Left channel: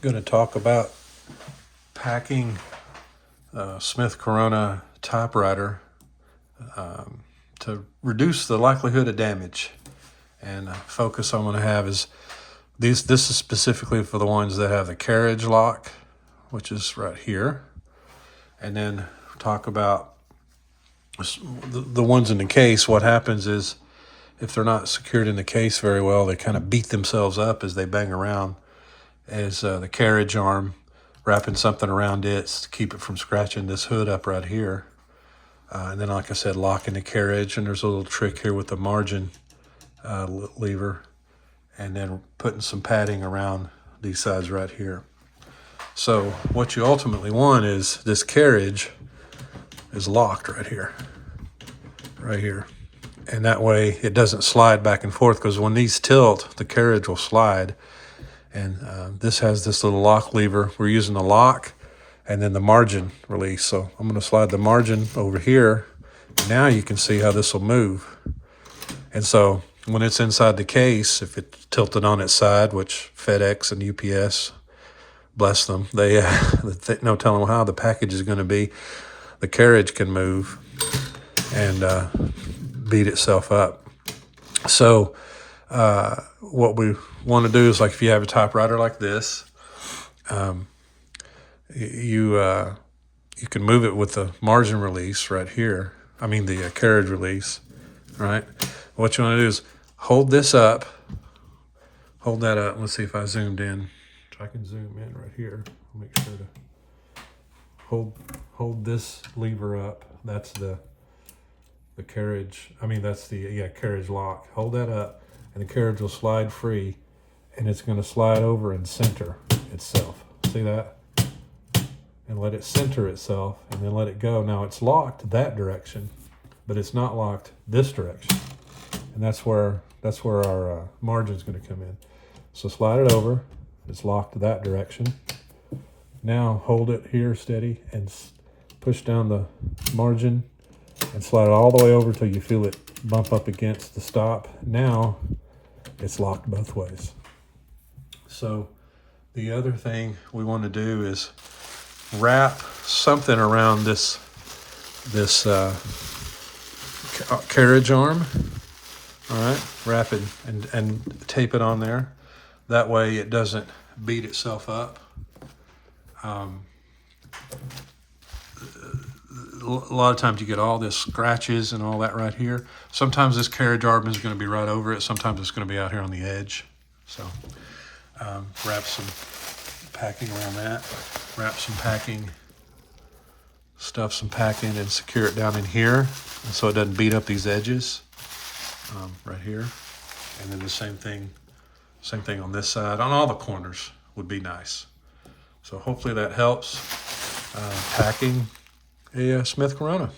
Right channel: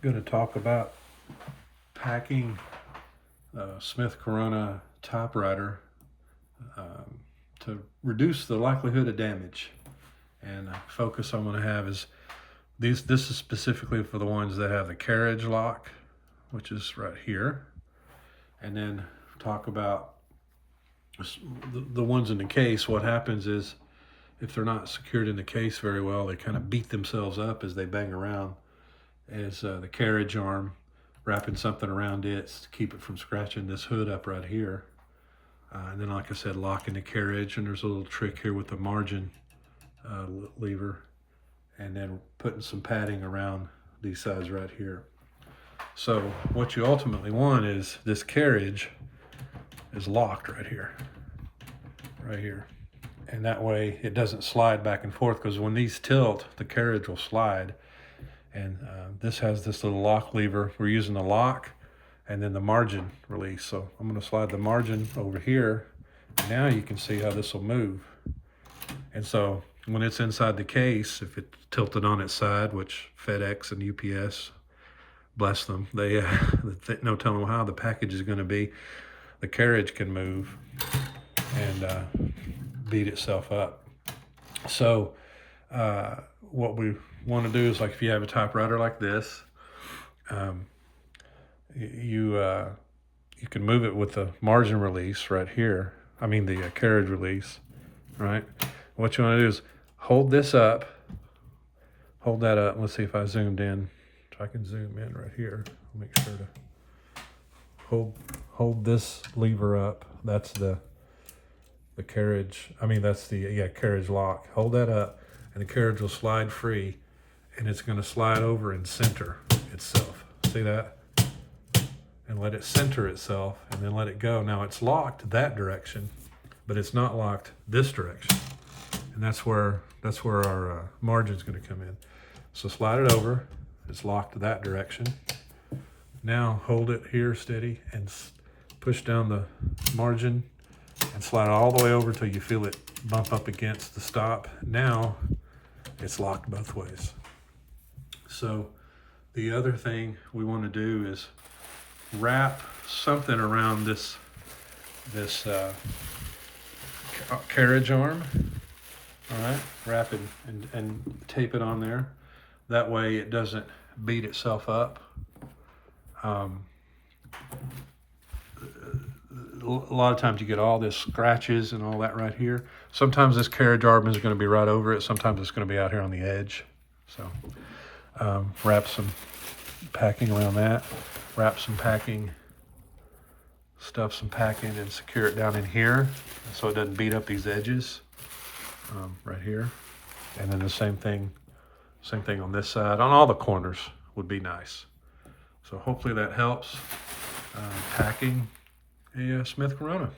going to talk about packing Smith Corona typewriter to reduce the likelihood of damage. And focus I'm going to have is this is specifically for the ones that have the carriage lock, which is right here. And then talk about the ones in the case. What happens is if they're not secured in the case very well, they kind of beat themselves up as they bang around, as the carriage arm, wrapping something around it to keep it from scratching this hood up right here. And then, like I said, locking the carriage. And there's a little trick here with the margin lever. And then putting some padding around these sides right here. So what you ultimately want is this carriage is locked right here. Right here. And that way it doesn't slide back and forth, because when these tilt, the carriage will slide. And this has this little lock lever. We're using the lock and then the margin release. So I'm going to slide the margin over here. Now you can see how this will move. And so when it's inside the case, if it's tilted on its side, which FedEx and UPS, bless them, they no telling how the package is going to be, the carriage can move and beat itself up. So what we want to do is, like, if you have a typewriter like this, you can move it with the margin release right here. I mean the carriage release, right? What you want to do is hold this up, hold that up. Let's see if I zoomed in. I can zoom in right here. I'll make sure to hold this lever up. That's the carriage. I mean, that's the carriage lock. Hold that up, and the carriage will slide free, and it's going to slide over and center itself. See that? And let it center itself, and then let it go. Now it's locked that direction, but it's not locked this direction, and that's where our margin is going to come in. So slide it over. It's locked that direction. Now hold it here steady and push down the margin and slide it all the way over till you feel it bump up against the stop. Now it's locked both ways. So the other thing we want to do is wrap something around this carriage arm. All right, wrap it and tape it on there. That way it doesn't beat itself up. A lot of times you get all this scratches and all that right here. Sometimes this carriage arm is going to be right over it. Sometimes it's going to be out here on the edge. So wrap some packing around that. Wrap some packing, stuff some packing, and secure it down in here so it doesn't beat up these edges right here. And then the same thing on this side. On all the corners would be nice. So hopefully that helps packing a Smith Corona.